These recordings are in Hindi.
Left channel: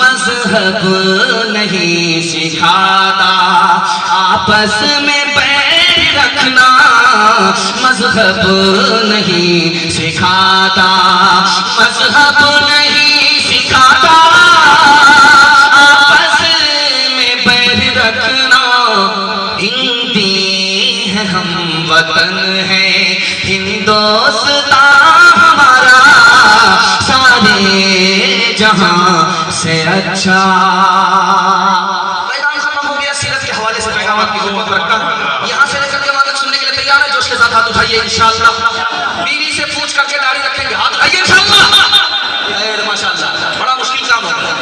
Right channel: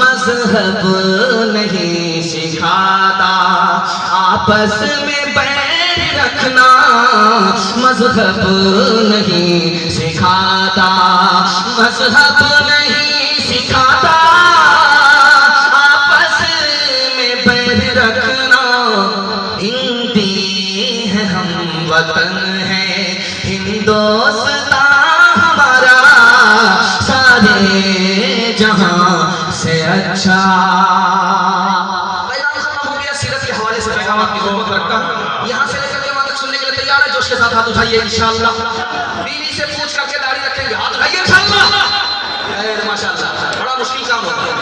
मजहब नहीं सिखाता आपस में बैर रखना, मजहब नहीं सिखाता, मजहब नहीं सिखाता आपस में बैर रखना। हिंदी है हम वतन है हिंदुस्तान हमारा, सारे जहां से अच्छा। पैगाम खत्म हो गया, सीरत के हवाले से पैगाम आपकी खिदमत में रखता हूं। यहां से लेकर के वहां तक सुनने के लिए तैयार है? जोश के साथ हाथ उठाइए इंशाअल्लाह। बीवी से पूछ करके दाढ़ी रखेंगे, हाथ उठाइए इंशाअल्लाह। माशाअल्लाह, बड़ा मुश्किल काम होता है।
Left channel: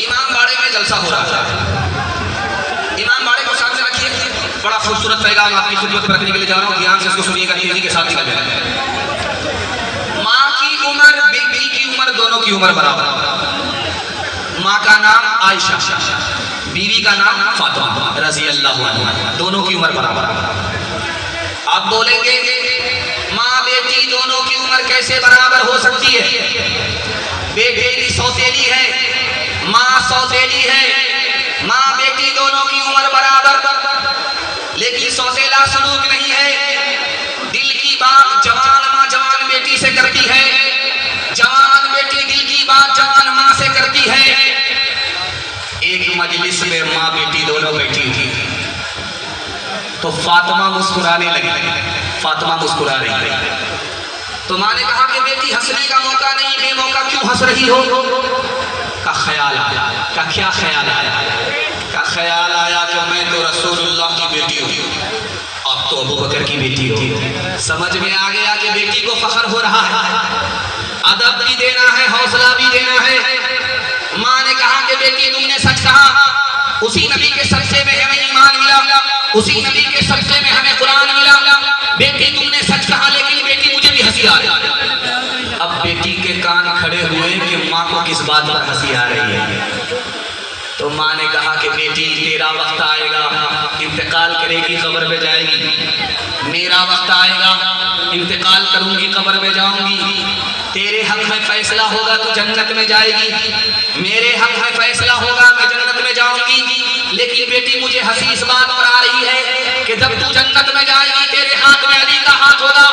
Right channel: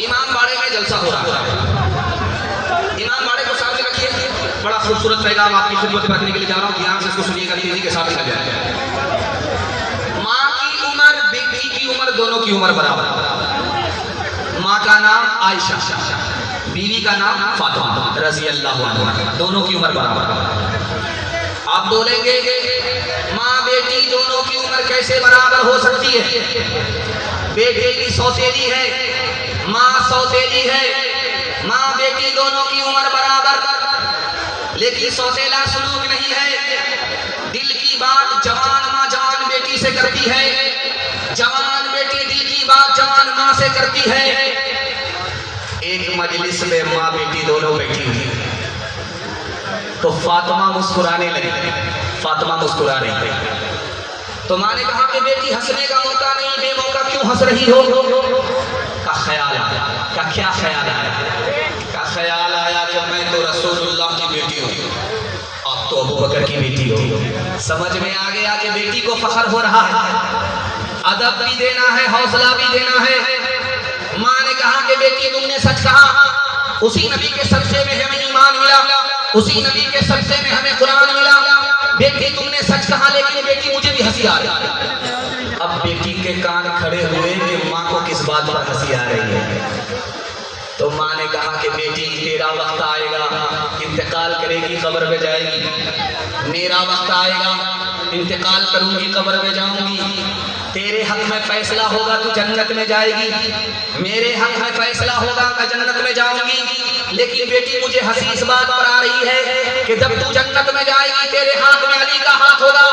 इमाम बाड़े में जलसा हो रहा है, इमाम बाड़े को सामने रखिए। बड़ा खूबसूरत पैगाम आपकी खिदमत में रखने के लिए जा रहा हूँ, ध्यान से इसको सुनिएगा, तेजी के साथ सुनिएगा। माँ की उम्र, बेटी की उम्र, दोनों की उम्र बराबर। माँ का नाम आयशा, बीवी का नाम फातिमा रज़ी अल्लाह अन्हा, दोनों की उम्र बराबर। आप बोलेंगे माँ बेटी दोनों की उम्र कैसे बराबर हो सकती है? बेटी सौतेली है, माँ सौतेली है, माँ बेटी दोनों की उम्र बराबर, लेकिन सौतेला सलूक नहीं है। दिल की बात जवान माँ जवान बेटी से करती है, जवान बेटी दिल की बात जवान माँ से करती है। एक मजलिस में माँ बेटी दोनों बैठी थी, तो फातिमा मुस्कुराने लगी, फातिमा मुस्कुरा रही थी। तो माँ ने कहा कि बेटी हंसने का मौका नहीं, बेमौका क्यों हंस रही हो? का ख्याल आया। का क्या ख्याल आया? का ख्याल आया कि मैं तो रसूलुल्लाह की बेटी हूँ, आप तो अबू बकर की बेटी हो। समझ में आ गया कि बेटी को फख्र हो रहा है, अदब भी देना है, हौसला भी देना है। माँ ने कहा कि बेटी तुमने सच कहा, उसी नबी के सदक़े में हमें ईमान मिला, उसी नबी के सदक़े में हमें कुरान मिला। बेटी तुमने सच कहा, लेकिन बेटी मुझे भी हंसी आ रही। अब बेटी के कान खड़े हुए कि माँ को किस बात पर हंसी आ रही है। तो माँ ने कहा कि बेटी तेरा वक्त आएगा, इंतकाल करेगी, कब्र में जाएगी। मेरा वक्त आएगा, इंतकाल करूंगी, कब्र में जाऊंगी। तेरे हक में फैसला होगा, तू जन्नत में जाएगी। मेरे हक में फैसला होगा, मैं जन्नत में जाऊंगी। लेकिन बेटी मुझे हंसी इस बात पर आ रही है कि जब तू जन्नत में जाएगी, तेरे हाथ में अली का हाथ होगा।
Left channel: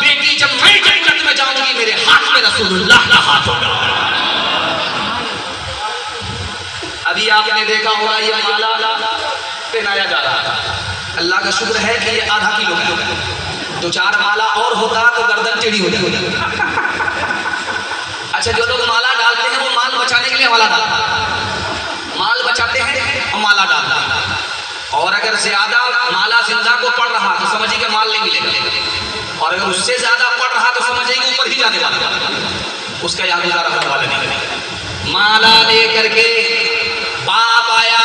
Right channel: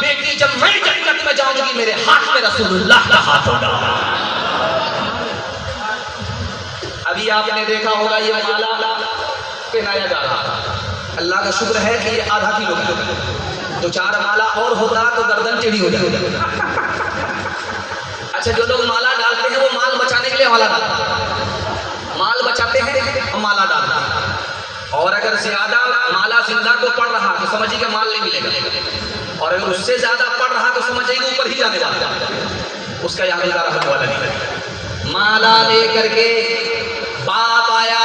बेटी जब मैं जन्नत में जाऊंगी, मेरे हाथ में रसूलुल्लाह का हाथ होगा। अभी आपने देखा होगा ये माला पहनाया जा रहा है। अल्लाह का शुक्र है कि ये आधा किलो का, दो चार माला और होता तो गर्दन टेढ़ी हो जाती। अच्छा, जो लोग माला डालते हैं वो माल बचाने के लिए माला डालते हैं, माल बचाते हैं और माला डालते हैं। और अगर ज्यादा माला जिंदा को पड़ रहा तो समझिए कि माल नहीं मिलेगा, और अगर उससे ज्यादा पड़ रहा तो समझिए कि ऊपर ही जाने वाला, उसका यहाँ गुजारा होने वाला नहीं। माला लेकर के बाप आया,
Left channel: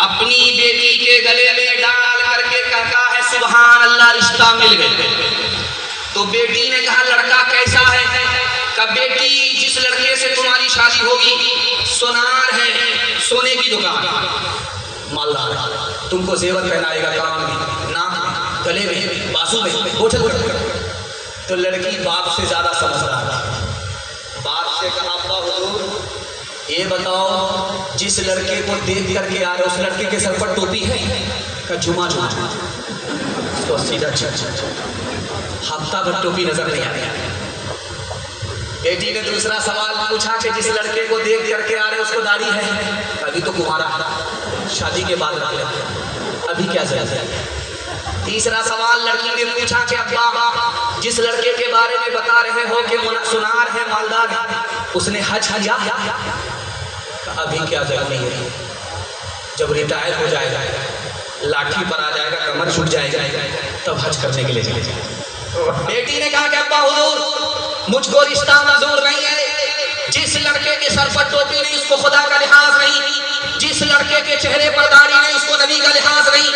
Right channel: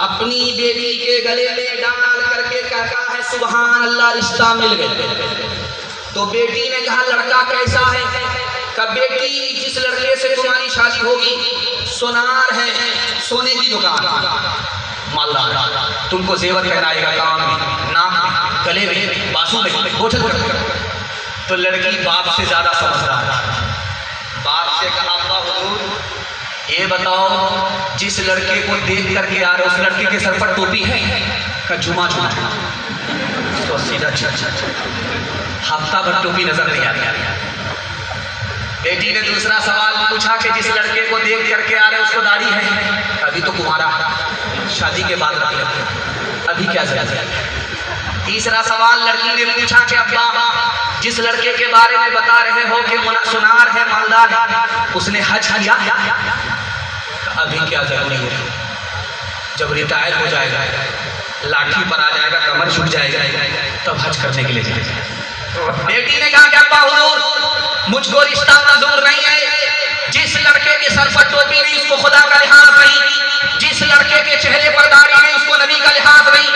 अपनी बेटी के गले में डाल करके कहता है सुभान अल्लाह, रिश्ता मिल गया। तो बेटी ने कहा लड़का कैसा है? कहा बेटी जिस लड़के से तुम्हारी शादी होगी सोनार है, सोने की दुकान, मालदार, तुमको जेवर पहनाएगा, कान में, नाक में, गले में, बाजू में, बोझल। तो लड़की बाप से ज्यादा समझदार है। बाप से कहा अब्बा हुजूर ये बताओ, जिस लड़के को देख करके आ रहे उस लड़के के सर पर टोपी है? का जुमा जुमा तो सीधा अच्छा, हफ्ता भर टोपी नजर नहीं आ रही। बेटी ने दूसरा सवाल पूछा कि जिस लड़के को देख करके आ रहे उसको दाढ़ी है? अभी तो कुमारा, शादी के बाद रख लेते, अभी क्या जरूरत है? तीसरा सवाल लड़की ने पूछा कि अब्बा जिस लड़के के बारे में बता रहे हो कि सुनार है, मालदार है, उसने हज किया? अभी क्या जरूरी है, जब रिटायर हो जाएगा, लाठी पर आ जाएगा, कमर झुक जाएगा, तब हज करने के लिए जाएगा। बेटी ने कहा कि अब्बा हुजूर मुझको रिश्ता मंजूर नहीं है। जिस लड़के के सर पर टोपी नहीं उसको खुदा का लिहाज नहीं, जिस लड़के के चेहरे पर दाढ़ी नहीं उसको नबी का लिहाज नहीं,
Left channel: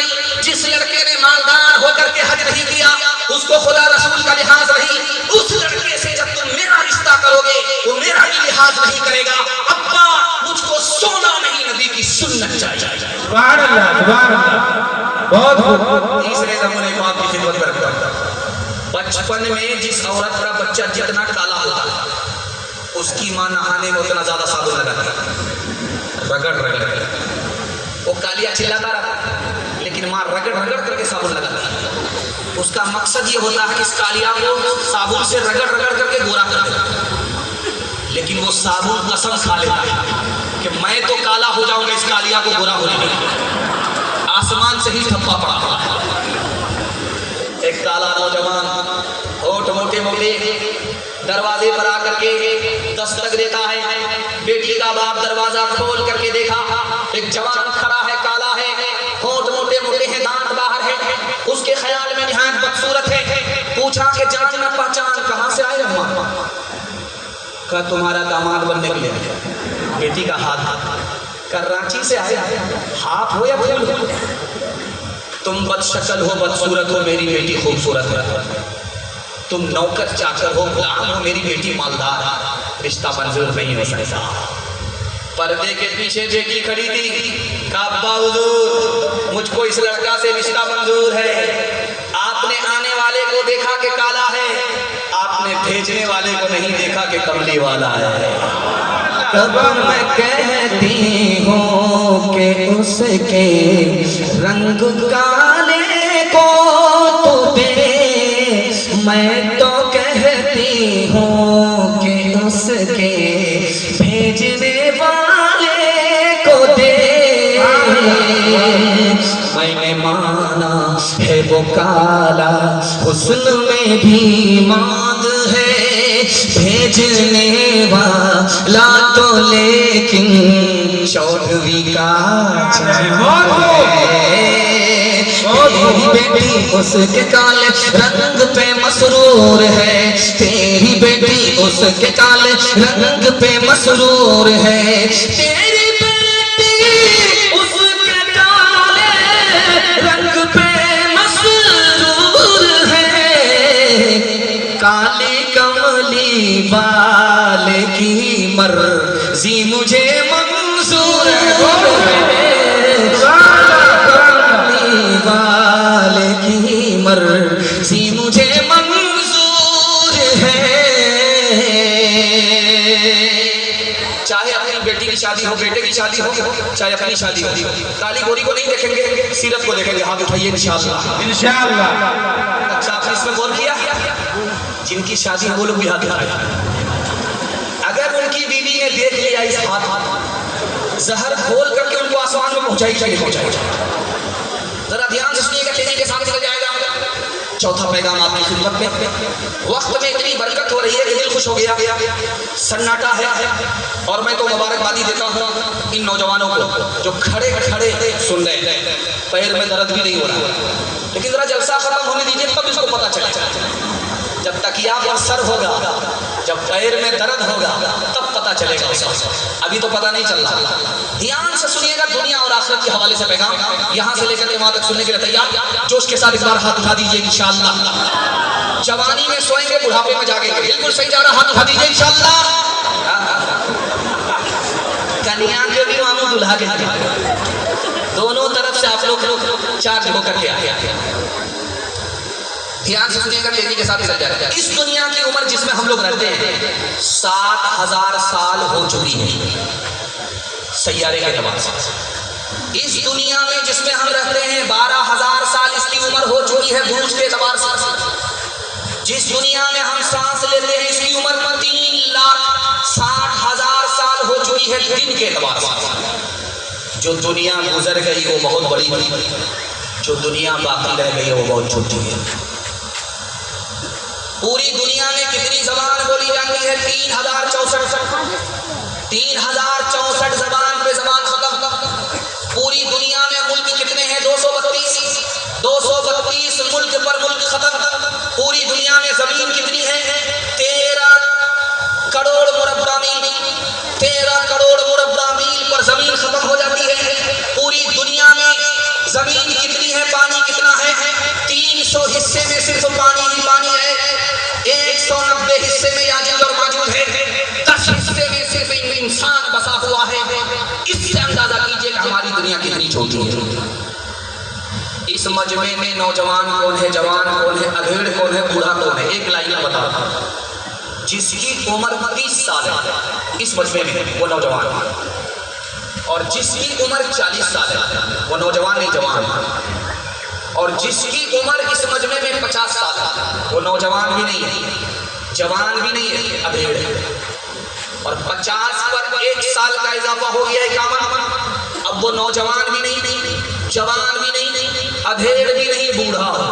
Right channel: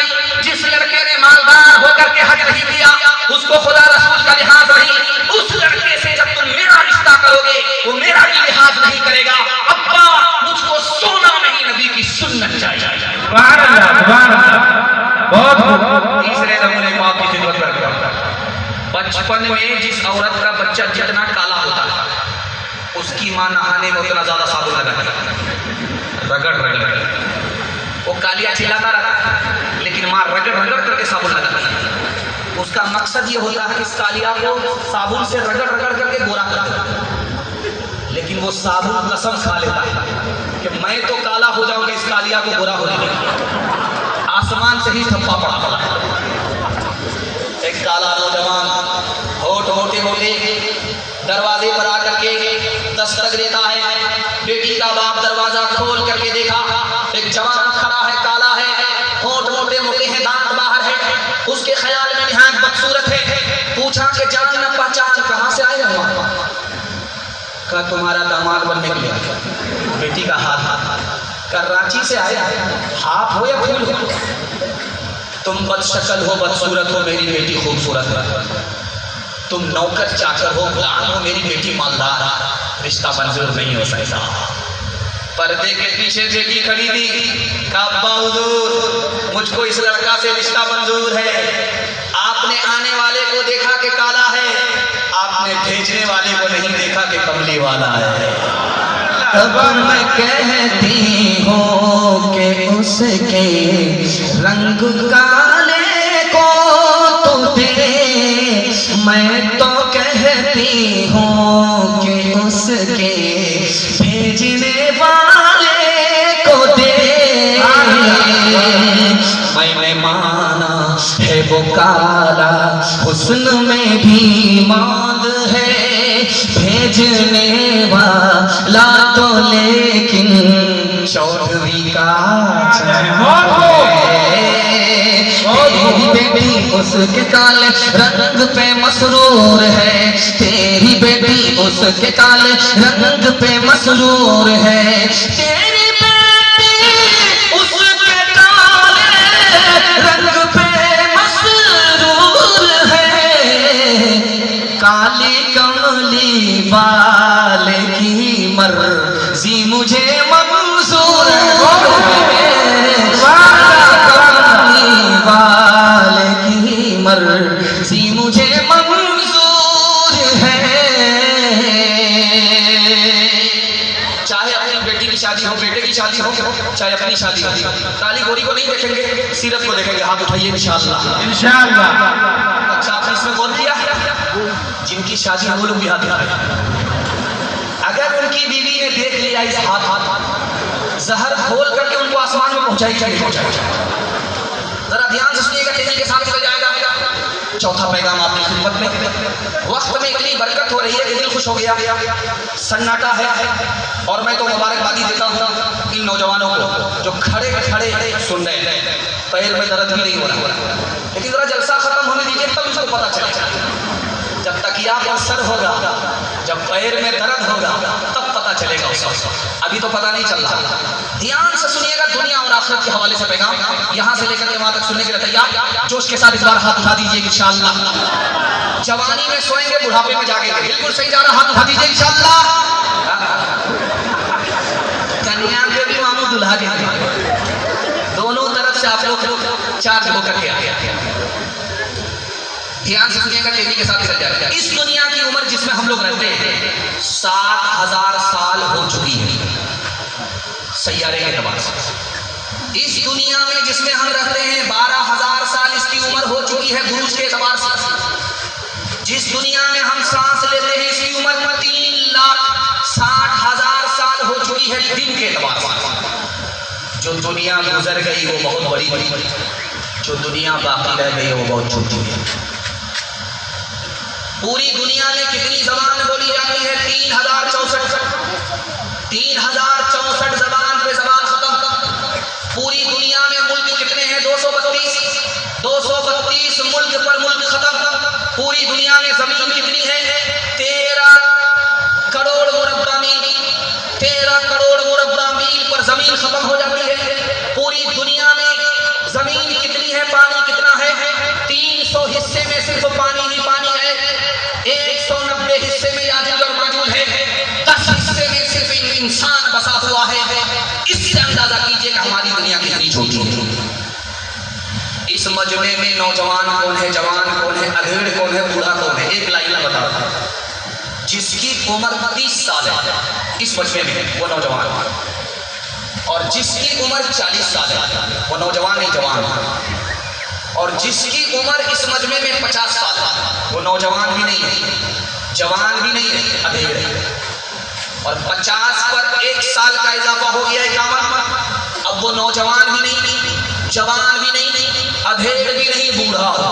जिस लड़के ने मालदार होकर के हज नहीं किया उसको खुदा रसूल का लिहाज नहीं। उस लड़के से जब तुम मेरा रिश्ता करोगे वो मेरा भी लिहाज नहीं करेगा। अब्बा मुझको सोना नहीं, नबी की सुन्नत चाहिए। सुभान अल्लाह, सुभान अल्लाह, बहुत तीसरे नमूने को आपकी खिदमत में रखता हूं। बचपन में जिस औरत का बच्चा जितना काला होता उसकी माँ नहाने में उतना ज्यादा साबुन लगाती, रगड़ रगड़ रगड़। वो कालिया चिल्लाता रहा लेकिन माँ रगड़ रगड़ करके साबुन लगाती। उसका मकसद ये होता है कि इस कालिया को साबुन से रगड़ रगड़ करके गोरा कर दे। लेकिन वो साबुन कसम खा लेता है कि मैं तो काला हो जाऊंगा, इस कालिया को गोरा हो जाएगा। आसमान से ही ठप्पा पड़ा। एक काला नौजवान होठ मोटे मोटे दरवाजे पर आकर के दस्तक देता है। बेटी का बाप दरवाजा खोल करके देखा, एक जवान खड़ा है, काला है, होठ मोटे मोटे हैं, दांत बाहर है। उसके ख्याल में निहायत बदसूरत है। पूछा कि जान न पहचान कहाँ से आए हो? का तुम्हारा दामाद बनने के लिए। बेटी का हाथ का रांची से आए, हाथ हो या फूल हो? तुम बदशक्ल हो, बदसूरत हो, मेरी बेटी खूबसूरत है। तुम नौकर चाकर हो, गुलाम हो, मेरी बेटी मालदार। रिश्ता मंजूर नहीं हो सकता। पर्दे के पीछे बेटी खड़ी थी, कहा अब्बा हुजूर मुझको इस लड़का से रिश्ता मंजूर है। आपने आने वाले को देखा कि काला है, आपने भेजने वाले को नहीं देखा कि कमली वाला है। कब मैं कहती हूँ कि उसके रंग काले को तो दे, मैं तो कहती हूँ कि उसके भेजने वाले को दे। मैंने माना है वो काला, हुस्न में भी मांद है, भेजने वाला तो लेकिन चौधरी का तेरी बेटी उसके काले रंग पे मसरूर है, तेरी बेटी उसके काले रंग पे मसरूर है, तेरी बेटी उसके काले रंग पे मसरूर है। काली कमली वाले की मर्जी मुझे मंजूर है, कमली वाले की मर्जी मुझे मंजूर है। चाहे अपनी बेटी की शादी हो, बेटे की शादी हो, चाहे अपनी शादी हो, काली गोरी को नहीं देखेंगे, सीरत को देखेंगे। हाथ उठाइए इंशाअल्लाह इंशाअल्लाह। अच्छा आपने इसमें बोल दिया जिनकी शादी वो लोग भी हाथ उठाए। अगर उनकी बीवी ने देख लिया इस हाथ, जहर खोल करके उनको आसमान में पहुंचाई। जरा ध्यान से सुनिएगा, तेजी के साथ चल जाएगा। चौथा पैगाम आपकी खिदमत में। वक्त में इतनी बरकत हो रही है कि दिल खुश हो गया, सन्नाटा है। और मैं तो मुबारकबादी देता हूँ इन नौजवानों को जो खड़े खड़े सुन रहे हैं, पैर में दर्द भी नहीं हो रहा। लेकिन जरा जलसा खत्म होने दीजिए, तब इसको पता चलेगा। जब तकिया पर सर होगा, जब पैर में दर्द होगा, तब पता चलेगा उसको। अभी तो पता नहीं चल रहा। ध्यान से सुनिएगा, दुनिया और आखिरत के हवाले से पैगाम यहाँ से लेकर के वहां तक सुनने के लिए तैयार। जोश के साथ इस बार हाथ उठा दीजिए इंशाअल्लाह। जवानी में सोएंगे, बुढ़ापे में जागेंगे। बिल्कुल सही जा रहा, हाथ उठा दीजिए इंशाअल्लाह। कन्या के भी मामू दुल्हा के दोनों तरफ से आप लोग चार्ज होकर के आए। ध्यान से सुनिएगा, तेजी के साथ चल जाएगा। इस दुनिया की उम्र जिसमें हम लोग रहते हैं 7000 साल हो चुकी है सैयारे के एतबार से। इस दुनिया में जिसमें हम रहते हैं 12000 साल इसकी उम्र हो चुकी है बुरुज के एतबार से। जिस दुनिया में हम सांस लेते हैं इसकी उम्र 3,60,000 साल हो चुकी है दिन के एतबार से। जो दुनिया गुजर गई वो बहुत बड़ी थी, जो दुनिया बाकी रह गई वो बहुत छोटी है। पूरी दुनिया में कितनी जबान बोली जाती है? 3064 जबान पे जबान खत्म। पूरी दुनिया में मुल्क कितने हैं? 232 मुल्क पर मुल्क खत्म। पूरी दुनिया में जमीन कितनी है? 13 करोड़ मुरब्बा मील। 13 करोड़ मुरब्बा मील पर जमीन खत्म हो जाती है। पूरी दुनिया में जमीन कितनी है? पानी कितना है? 300 हिस्से में सिर्फ पानी ही पानी है। 190 हिस्से में याजूज और माजूज है। 10 हिस्से में सिर्फ इंसान बसा हुआ है। इससे अंदाजा कीजिए कि हमारी दुनिया कितनी छोटी है। इस मजमे में नौजवान कौन है, जवान कौन है, अधेड़ कौन है, बूढ़ा कौन है? एक लाइन में बताओ। जिसकी उम्र 30 साल है इस मजमे में वो नौजवान है, और जिसकी उम्र 40 साल है वो नौजवान नहीं जवान है, और जिसकी उम्र इस मजमे में 50 साल है वो नौजवान भी नहीं है, जवान भी नहीं है, अधेड़ है। और 50 पर 1 साल का इजाफा हो गया 51 पर। अब वो नौजवान भी नहीं, जवान भी नहीं, अधेड़ भी नहीं, बूढ़ा हो गया।